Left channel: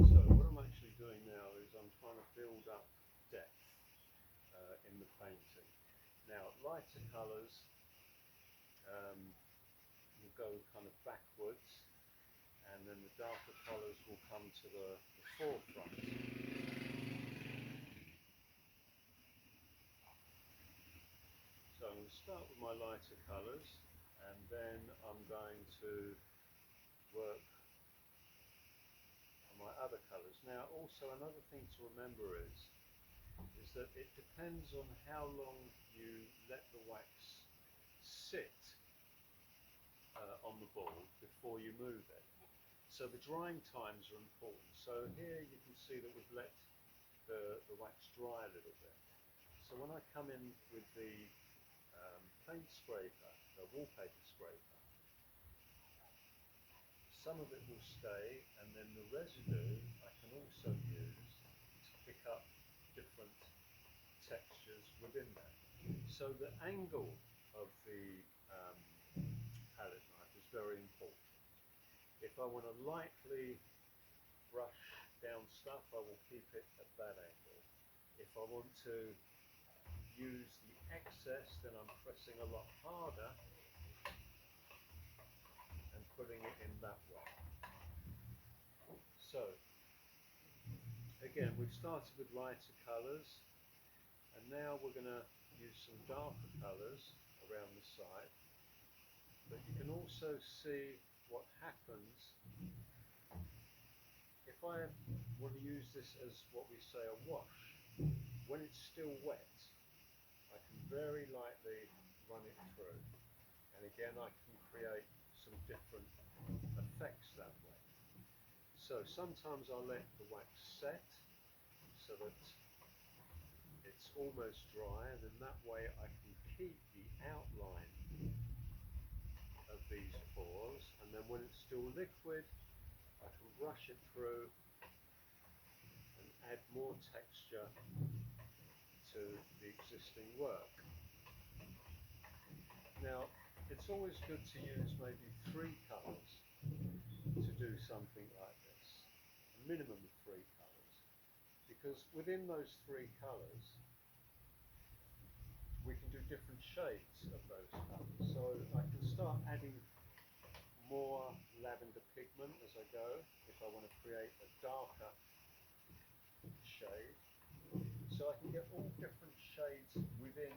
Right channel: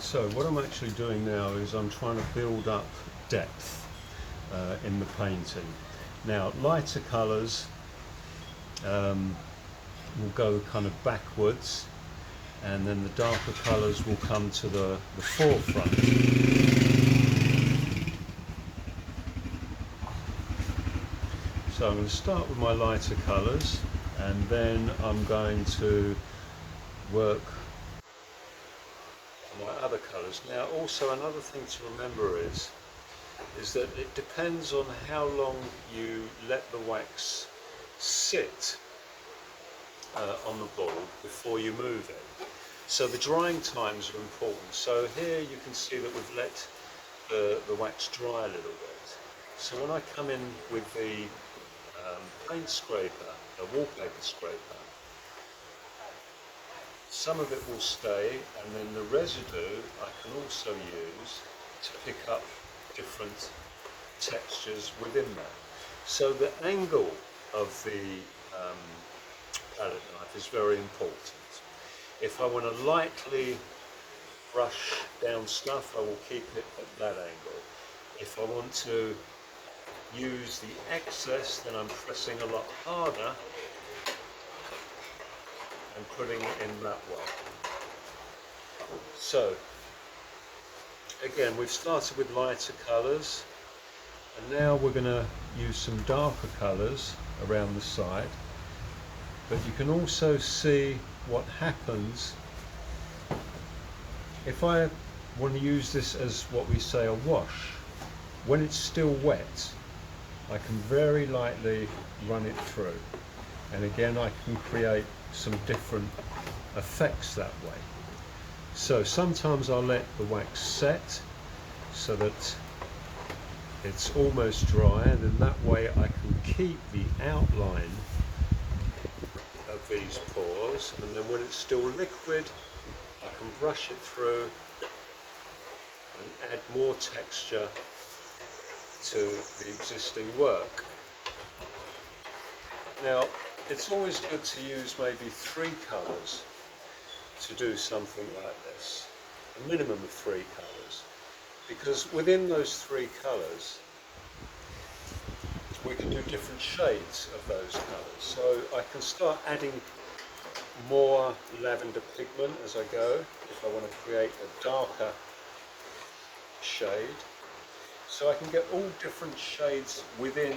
So what I'm actually doing now is I'm trying to build up depth in the painting. Now lighter colours will go kind of backwards, and then the darker colours will come to the forefront. So I'm going to start with my lighter colours, and then I'm going to work my other colours. Now also another thing to remember is that it depends on how long you let the wax sit on the board before you move it. So the drying times are important. So here you can see that we've let the wax dry a little bit. So when I come in with the paint scraper, a wallpaper scraper, some of it will stay, and then the residue I can also use to pick up different textures within that. So the angle of the palette knife is very important. If I want to lightly brush down stuff, I will keep it at that angle. If I want to use the excess, then I'm pressing a lot harder and putting it in that way. So again, we've started with lighter colours, and now we're going to use some darker colours around the side, but you can also see what happens if I want to use this as what we say a wash. When it's still wet, I can very lightly run it through, and again I can create some different effects that way. So sometimes I'll let the wax set so that it's almost dry, and then that way I can keep the outline of these pores, and then when it's still liquid I can brush it through and add more texture to the existing work. Now it's always good to use maybe 3 colours to do something like this, a minimum of 3 colours, because within those 3 colours we can do different shades of those colours. So I can start adding more lavender pigment as I go if I want to create a darker shade. So I can get all different shades within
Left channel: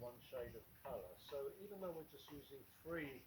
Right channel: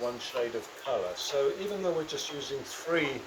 one shade of colour. So even though we're just using 3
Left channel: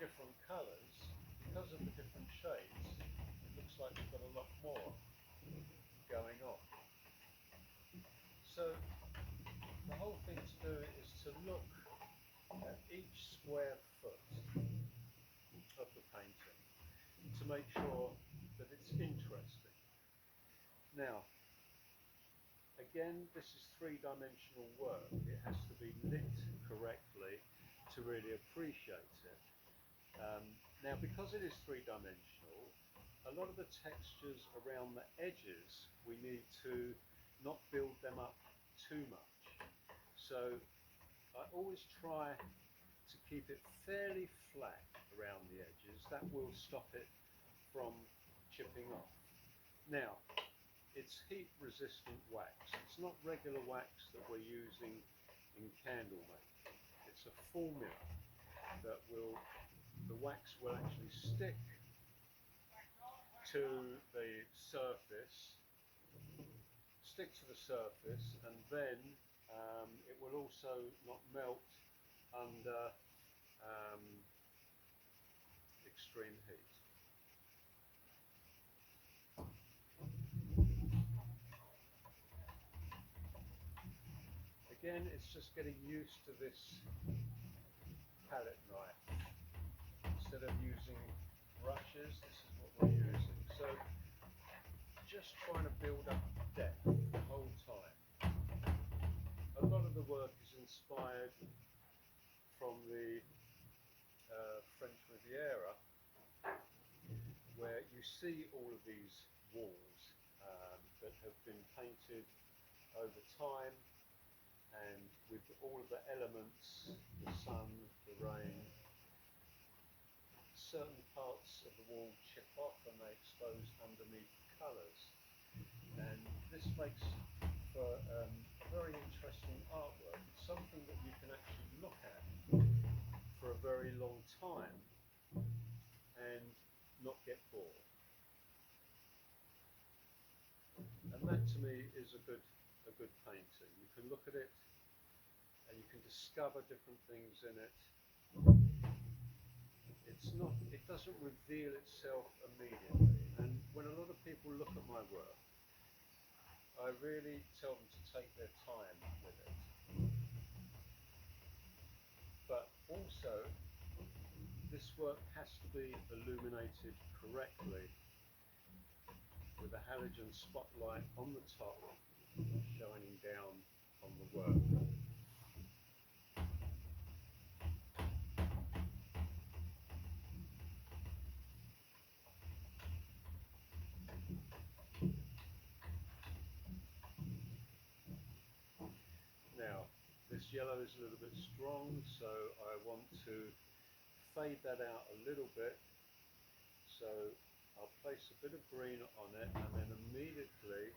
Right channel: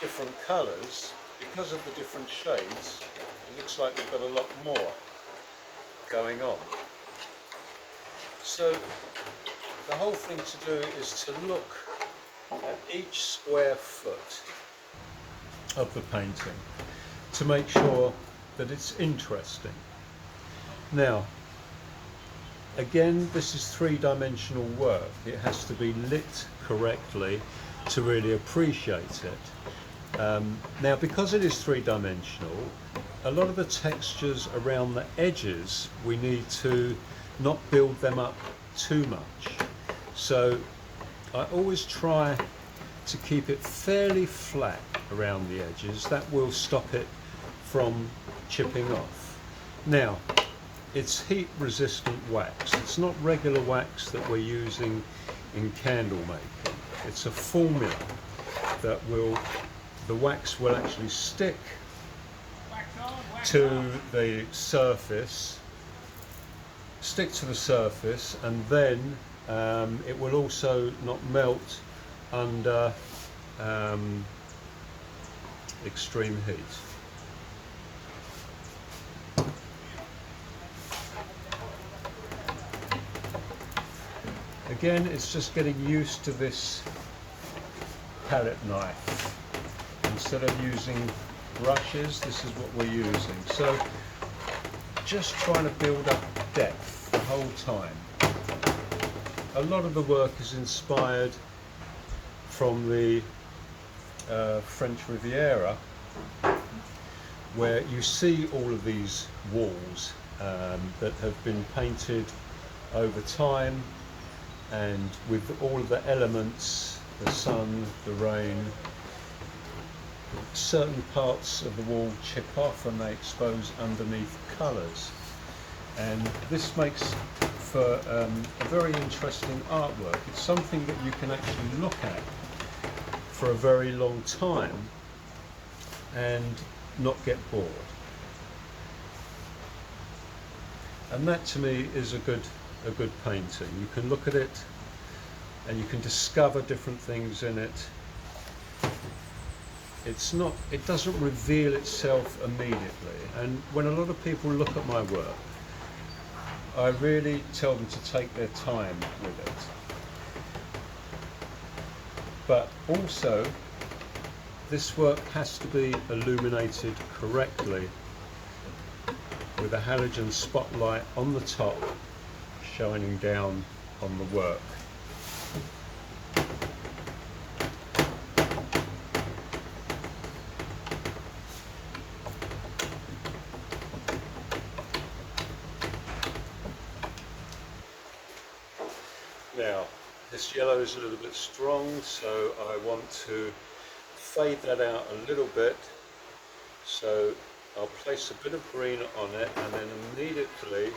different colours, because of the different shades, it looks like we've got a lot more going on. So the whole thing to do is to look at each square foot of the painting to make sure that it's interesting. Now, again, this is 3-dimensional work. It has to be lit correctly to really appreciate it. Now, because it is 3-dimensional, a lot of the textures around the edges, we need to not build them up too much. So I always try to keep it fairly flat around the edges. That will stop it from chipping off. Now, it's heat resistant wax. It's not regular wax that we're using in candle making. It's a formula that the wax will actually stick to the surface, and then it will also not melt under extreme heat. Again, it's just getting used to this palette knife. Instead of using brushes, this is what we're using. So just trying to build up depth the whole time. A lot of the work is inspired from the French Riviera, where you see all of these walls that have been painted over time, and with all of the elements, the sun, the rain, certain parts of the wall chip off and they expose underneath colours, and this makes for a very interesting artwork. It's something that you can actually look at for a very long time and not get bored. And that to me is a good painting. You can look at it and you can discover different things in it. It doesn't reveal itself immediately, and when a lot of people look at my work, I really tell them to take their time with it. But also, this work has to be illuminated correctly with a halogen spotlight on the top shining down on the work. Now, this yellow is a little bit strong, so I want to fade that out a little bit. So I'll place a bit of green on it and then immediately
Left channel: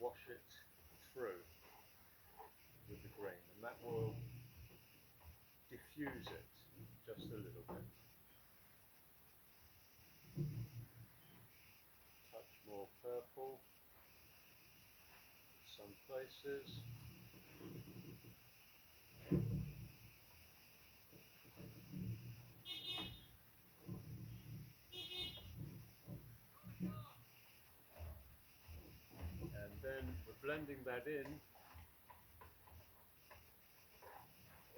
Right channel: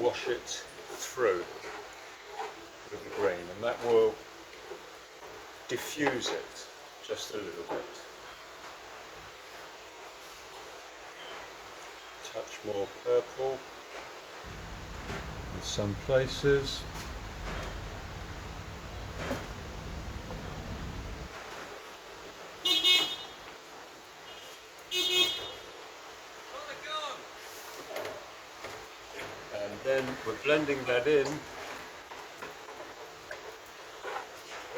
wash it through with the green, and that will diffuse it just a little bit. Touch more purple in some places. Then we're blending that in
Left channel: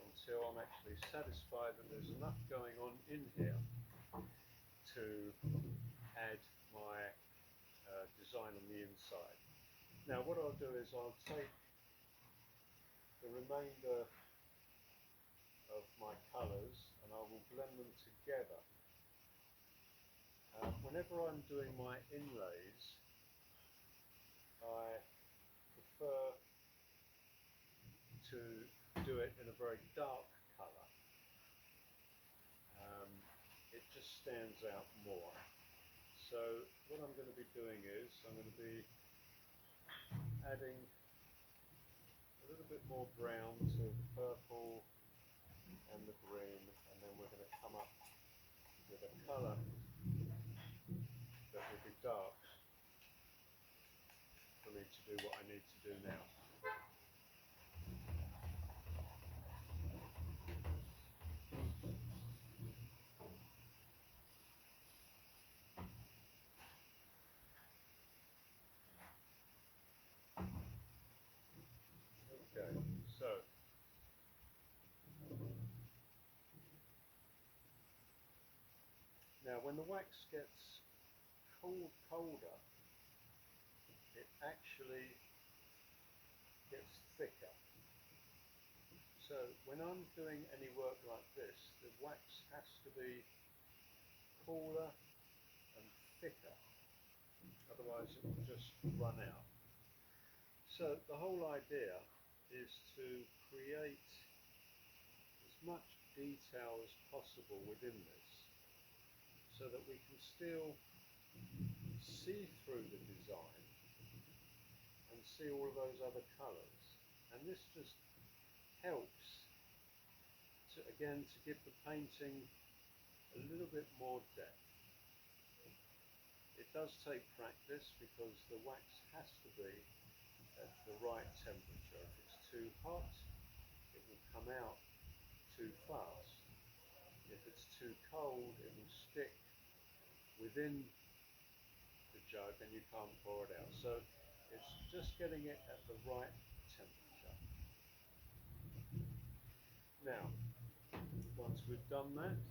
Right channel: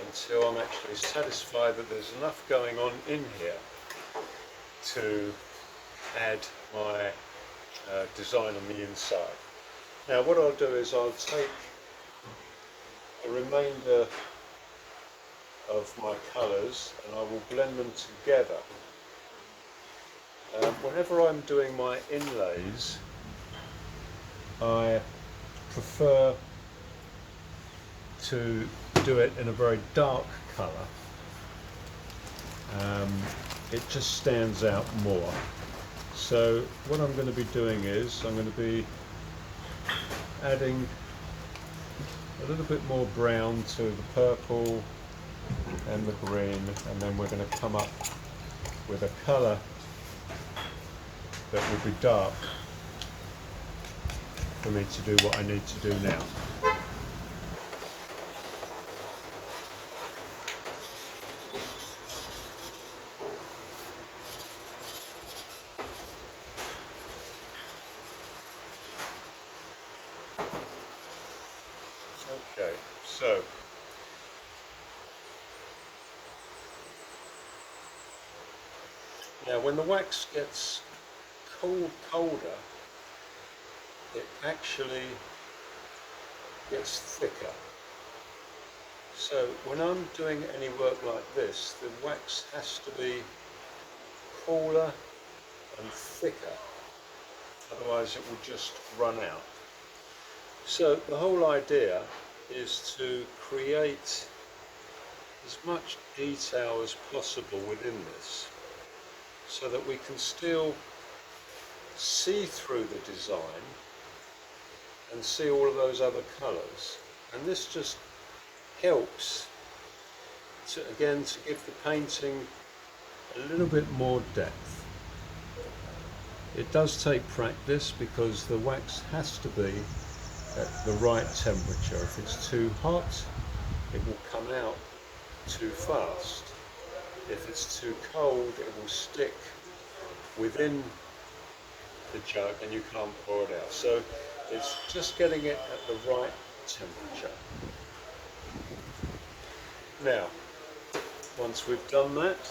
until I'm actually satisfied that there's enough going on in here to add my design on the inside. Now what I'll do is I'll take the remainder of my colours and I will blend them together. Whenever I'm doing my inlays, I prefer to do it in a very dark colour. It just stands out more. So what I'm going to be doing is I'm going to be adding a little bit more brown to the purple and the green, and then we're going to come up with a colour that will be dark for me to do what I need to do now. Okay, so now when the wax gets colder, it actually gets thicker. So when I'm doing any work like this, the wax has to be cooler and thicker, otherwise it will just run out. So the whole idea is to create as much detail as possible within this, so that we can still see through the design and see all of those other colours. And this just helps to, again, to give the painting a little bit more depth. It does take practice because the wax has to be at the right temperature. If it's too hot, it will come out too fast. If it's too cold, it will stick within the jug and you can't pour it out. So it's just getting it at the right temperature. Now, once we've done that,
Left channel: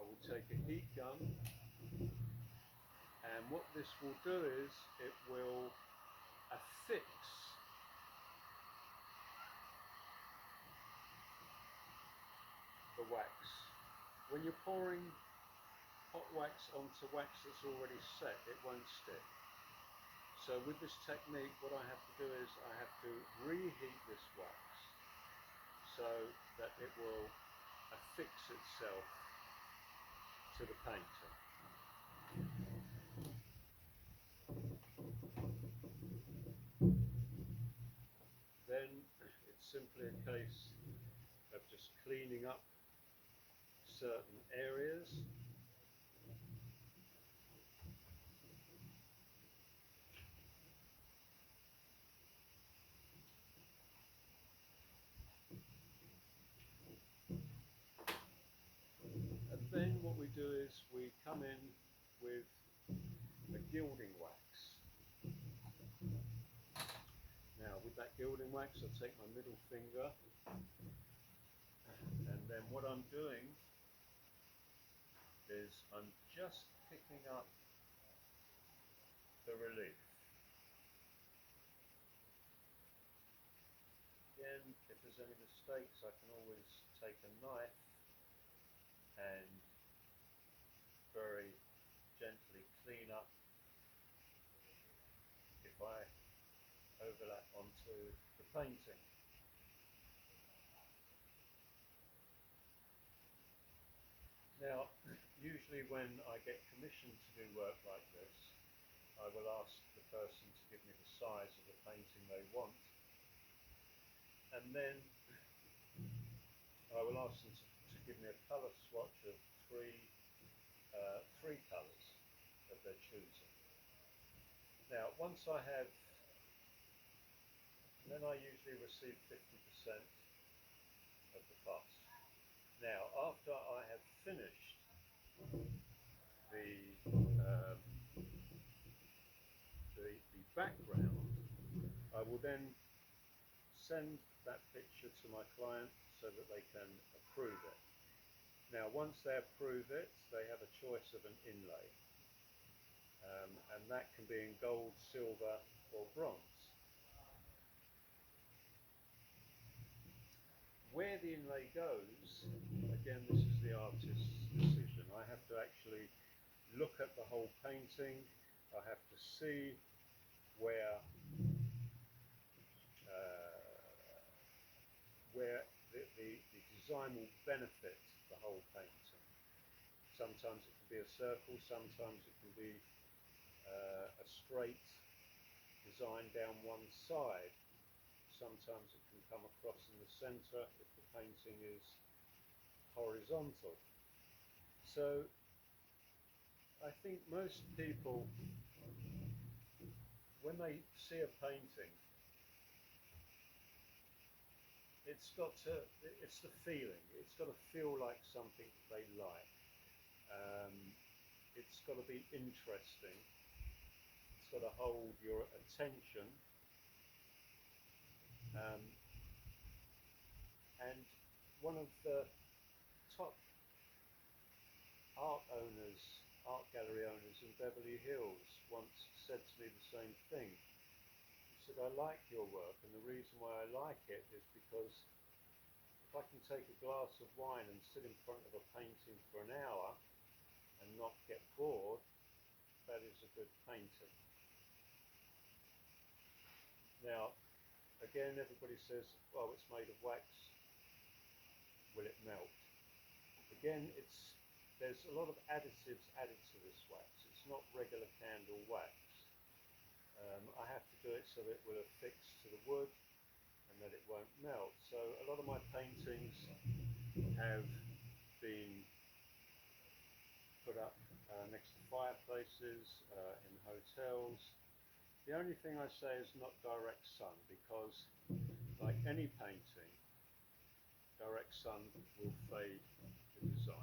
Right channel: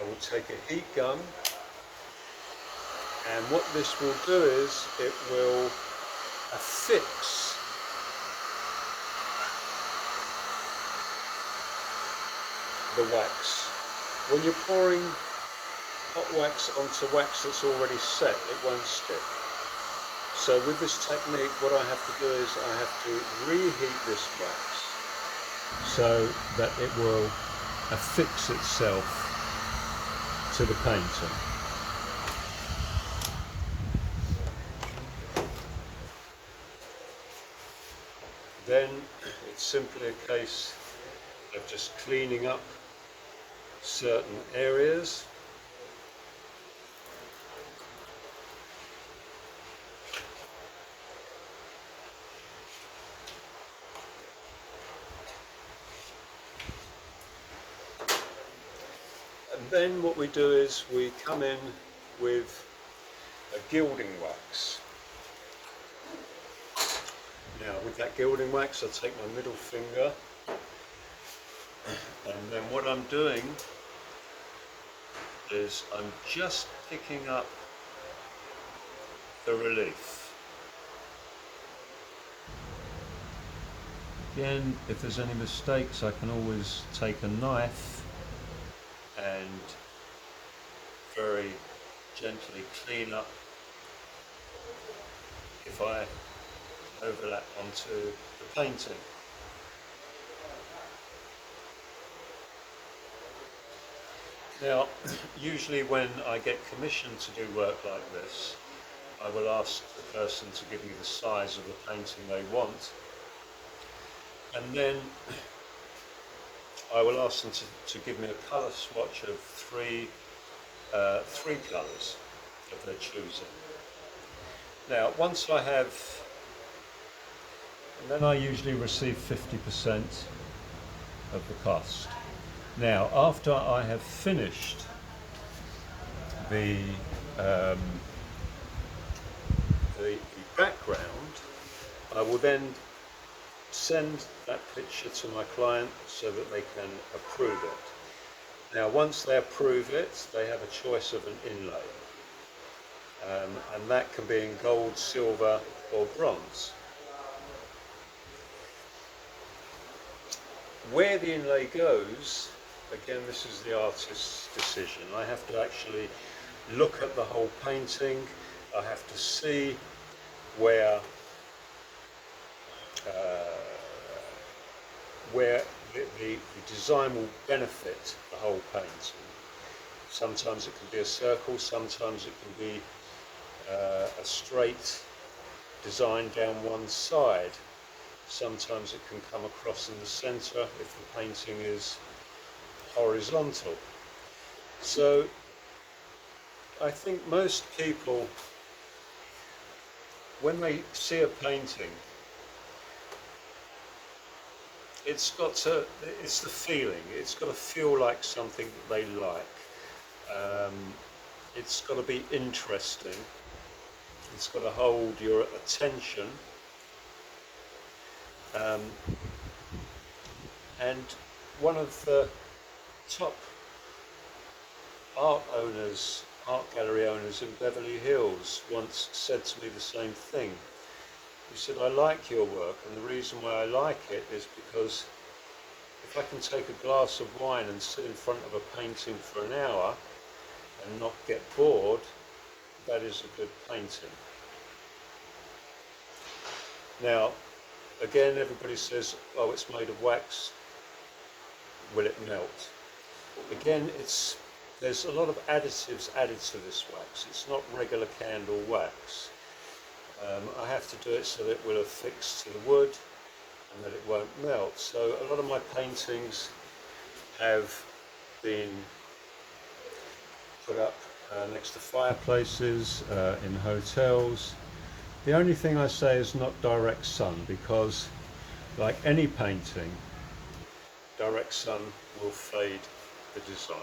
I will take a heat gun, and what this will do is it will affix the wax. When you're pouring hot wax onto wax that's already set, it won't stick. So with this technique, what I have to do is I have to reheat this wax so that it will affix itself to the painting. Then it's simply a case of just cleaning up certain areas. And then what we do is we come in with a gilding wax. Now with that gilding wax I take my middle finger, and then what I'm doing is I'm just picking up the relief. Again, if there's any mistakes I can always take a knife and very gently clean up if I overlap onto the painting. Now, usually when I get commissioned to do work like this, I will ask the person to give me the size of the painting they want, and then I will ask them to give me a colour swatch of three colours of their choosing. Now, once I have, and then I usually receive 50% of the cost. Now, after I have finished the background, I will then send that picture to my client so that they can approve it. Now, once they approve it, they have a choice of an inlay, and that can be in gold, silver, or bronze. Where the inlay goes, again, this is the artist's decision. I have to actually look at the whole painting. I have to see where the design will benefit the whole painting. Sometimes it can be a circle, sometimes it can be a straight design down one side. Sometimes it can come across in the centre if the painting is horizontal. So I think most people, when they see a painting, it's the feeling, it's got to feel like something that they like. It's got to be interesting, it's got to hold your attention. And one of the top art gallery owners in Beverly Hills once said to me the same thing. He said, I like your work, and the reason why I like it is because if I can take a glass of wine and sit in front of a painting for an hour and not get bored, that is a good painting. Now, again, everybody says, oh, it's made of wax, will it melt? Again, there's a lot of additives added to this wax. It's not regular candle wax. I have to do it so that it will affix to the wood and that it won't melt. So a lot of my paintings have been put up next to fireplaces, in hotels. The only thing I say is not direct sun, because like any painting, direct sun will fade the design.